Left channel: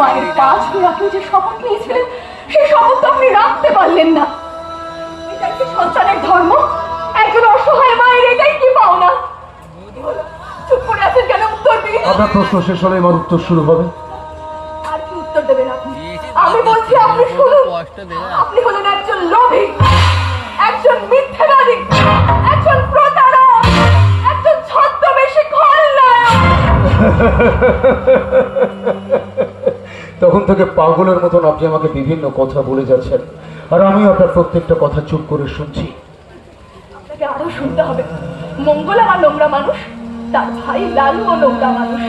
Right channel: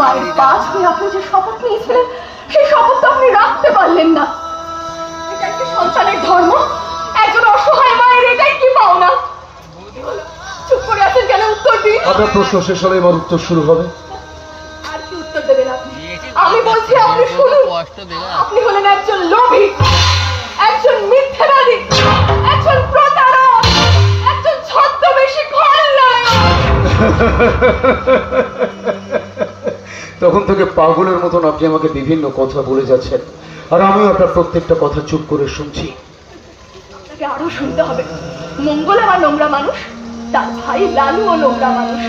মায়ের পা ছুঁয়ে আপনি যে শপথ নিয়েছিলেন সেই শপথ তো আপনি রাখতে পারলেন না। এটাই কি সন্তানের ধর্ম? একজন অসহায় মায়ের এটাই কি পাওনা? চুপ করে আছেন কেন? উত্তর দিন। আপনার প্রশ্ন শেষ হলে আমার উত্তর শুরু হবে। আর কি উত্তর দেবেন আপনি? আমি বলছি আপনি শুনুন। আপনি হলেন একজন লোভী, একজন মিথ্যাবাদী, একজন প্রতারক, একজন ছদ্মবেশী খলনায়ক। তখন থেকে পাগলের মতন আপনি আমাকে বিভিন্ন কথা বলে যাচ্ছেন, আর আমি আপনার প্রত্যেকটা কথা চুপ করে শুনছি। আপনাকে আরো শুনতে হবে। মঙ্গল আমার নোংরা মানুষ, তার ভাই লালু ও নোংরা মানুষ,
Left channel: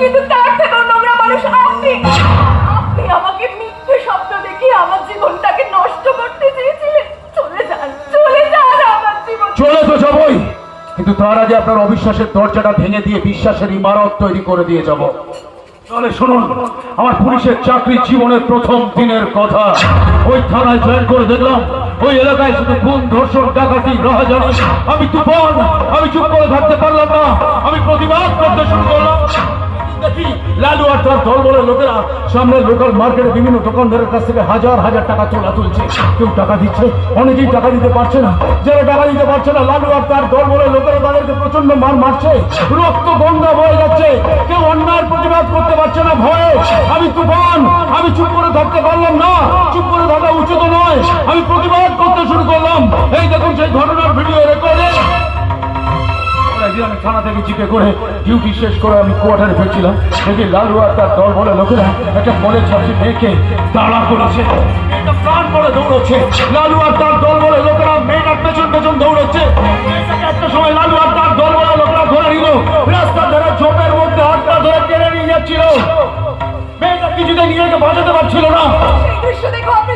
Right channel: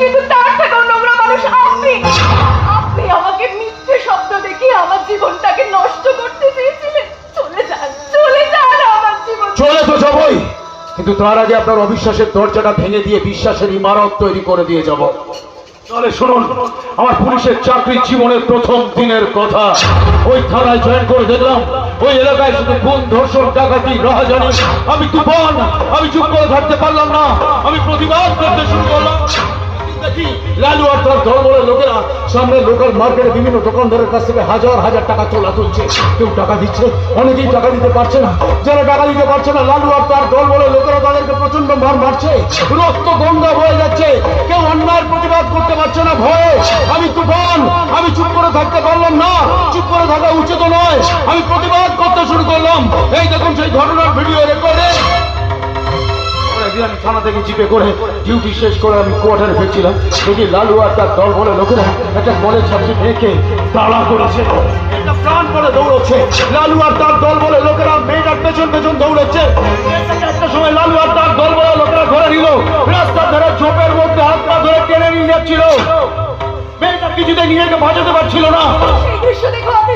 কিন্তু তার থেকেও নোংরা মানুষ আপনি। আপনি আমাকে মিথ্যে শব্দ দেখিয়ে আমার জীবনটাকে নষ্ট করতে চেয়েছিলেন। চলে যান, চলে যান আমার জীবন। চলে তো যাবই, কিন্তু তার আগে আপনার অবিশ্বাসের দরজাটা ভেঙে দিয়ে বিশ্বাসের ইমারত তৈরি করে দিয়ে যাব। তাহলে শুনুন, আমার পুলিশের চাকরি জীবনের প্রথম দিনের কথা। ওই থানায় জয়েন করে দেখলাম ওই এলাকায় শুধু খুন, ধর্ষণ, ডাকাতি, রাহাজানি। আমি তুফান, আমি চুপ করে থাকতে পারলাম না, আমি প্রতিবাদ করতে শুরু করলাম। দেখি লালু আর তার দলবলের লোকেরা সামনে লোকাল মার্কেটে বিভিন্ন দোকানদারের কাছ থেকে হাজার হাজার টাকা তোলা তুলছে। কেউ টাকা দিচ্ছে, অনেকেই টাকা দিতে পারছে না। যারা টাকা দিতে পারছে না, লালু আর তার দলবলের লোকেরা তাদেরকে প্রচন্ড মার মারছে, রক্ত গঙ্গা বয়ে যাচ্ছে। কেউ অন্যায়ের প্রতিবাদ করতে পারছে না ভয়ে। আমি তুফান, আমি চুপ করে থাকতে পারলাম না। চুপ করে থাকা উচিত নয়, আমি প্রতিবাদ করতে শুরু করলাম। এই দেখুন সেই ঘটনার ভিডিও রেকর্ডে। আমি থানা থেকে জিপে করে ডিউটি শেষ করে আমি কোয়ার্টারে ফিরছিলাম। দেখি লালু আর তার দল বলে লোকেরা একটা মনে ছাত্রী মেয়েকে দাঁড়া করেছে, একটা প্রাণ বলে দৌড়চ্ছে। লালু আর তার দল বলে লোকেরা মেয়েটার পেছন পেছন দৌড়চ্ছে। একটা সময় লালু আর তার দল বলে লোকেরা ধরে নিল, রাস্তার ধারে ঝোপের মধ্যে হাতটা ধরে টেনে নিয়ে যাচ্ছিল। মেয়েটা কিছুতে নিজেকে বাঁচাতে পারছিল না। সেই দৃশ্য দেখো আপনি